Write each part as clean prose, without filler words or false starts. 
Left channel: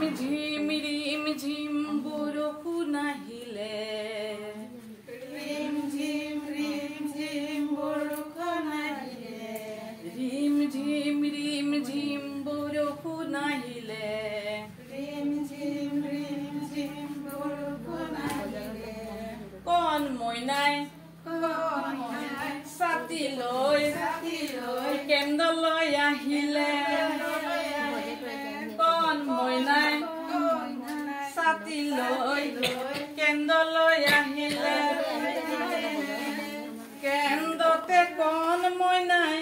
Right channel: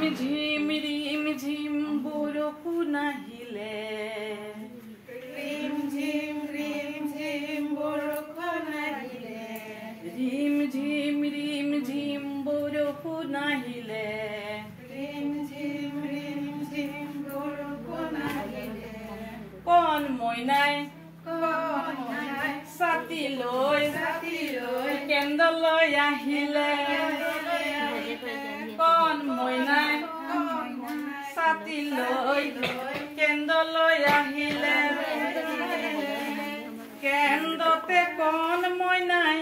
ৰিম ঝিম বৰষুণ আহিলে ৰিম ঝিম বৰষুণ আহিলে ৰিম ঝিম বৰষুণ আহিলে ৰিম ঝিম বৰষুণ আহিলে কণ মইনাই ছাতি লৈ কেন্দ্ৰলৈ আহিলে কণ মইনাই ছাতি লৈ কেন্দ্ৰলৈ আহিলে কেন্দ্ৰতে কণ মইনাই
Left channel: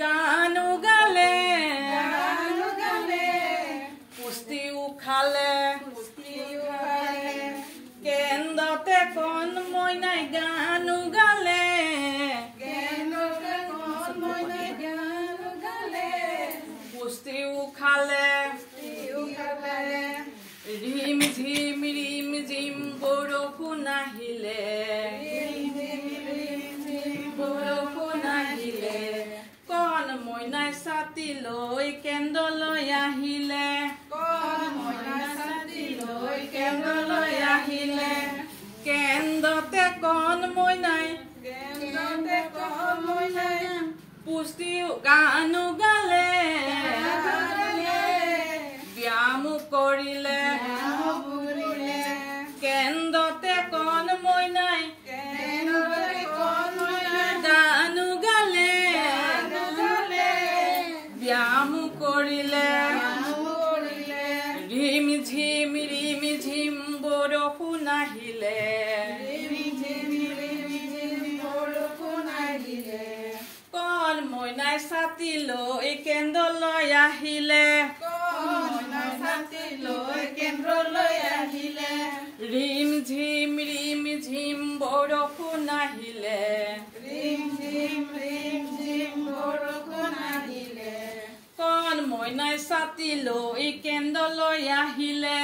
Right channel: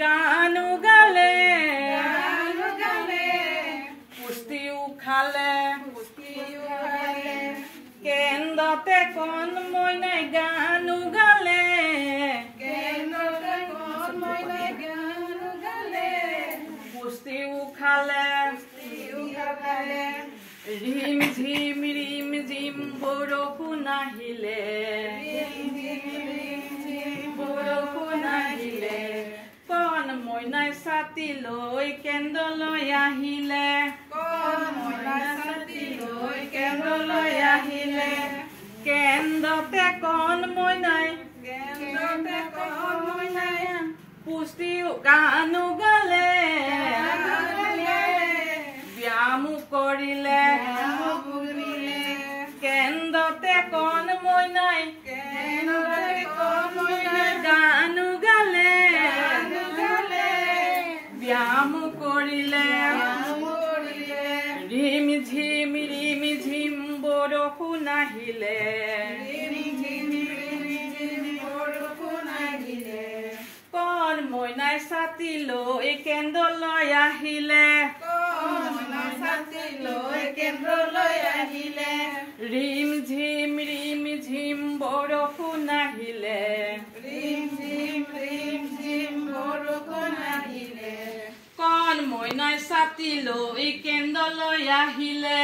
গানো গালে পুষ্টিও খালে কেন্দ্ৰতে কণ মইনাই গানো গালে পুষ্টিও খালে ৰিম ঝিম বৰষুণ আহিলে বৰষুণ আহিলে কণ মইনাই ছাতি লৈ কেন্দ্ৰলৈ আহিলে আহিলে কেন্দ্ৰতে কণ মইনাই পুষ্টিও গানো গালে ব্যায়ামো কৰিলে কেন্দ্ৰতে কণ মইনাই গানো গালে ব্যায়ামো কৰিলে ৰিম ঝিম বৰষুণ আহিলে কণ মইনাই ছাতি লৈ কেন্দ্ৰলৈ আহিলে ৰিম ঝিম বৰষুণ আহিলে কণ মইনাই ছাতি লৈ কেন্দ্ৰলৈ আহিলে